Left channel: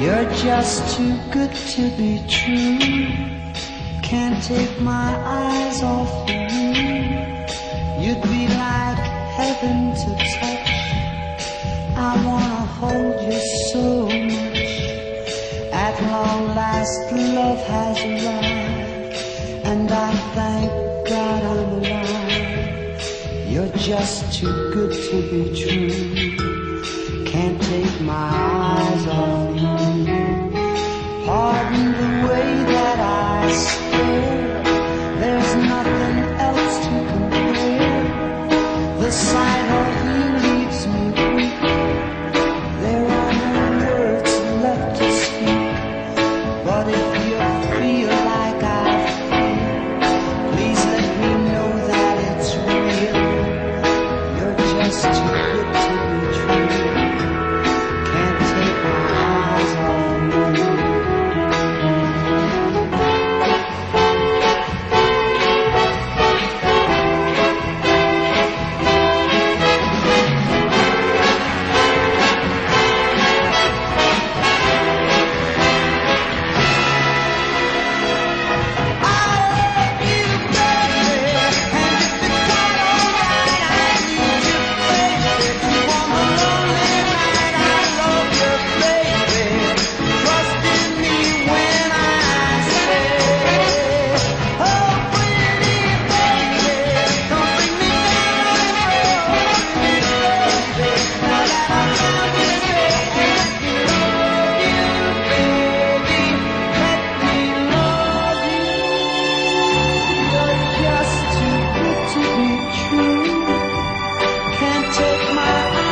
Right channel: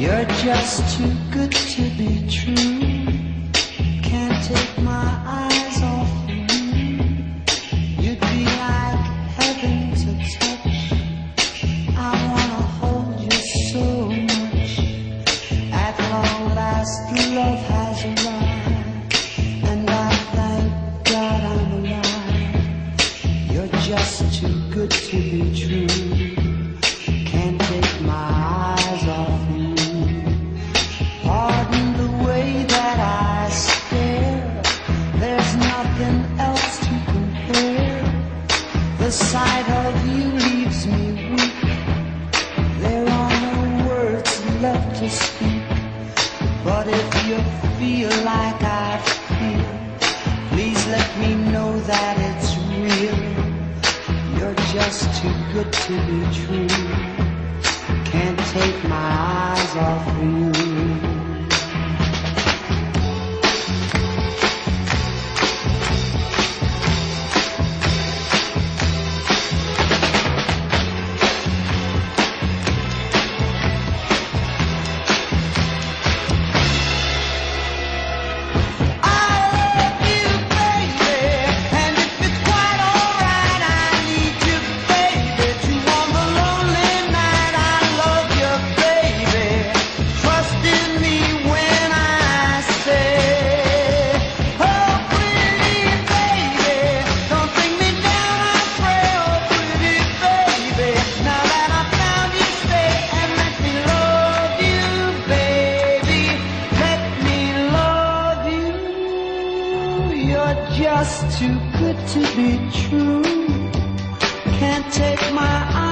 You're just too good to be true. Can't take my eyes off of you. You'd be like heaven to touch. I wanna hold you so much. At long last love has arrived, and I thank God I'm alive. You're just too good to be true. Can't take my eyes off you. Pardon the way that I stare. There's nothing else to compare. The sight of you leaves me weak. There are no words left to speak. But if you feel like I feel, please let me know that it's real. You're just too good to be true. Can't take my eyes off you. Just too good to be true. Can't take my eyes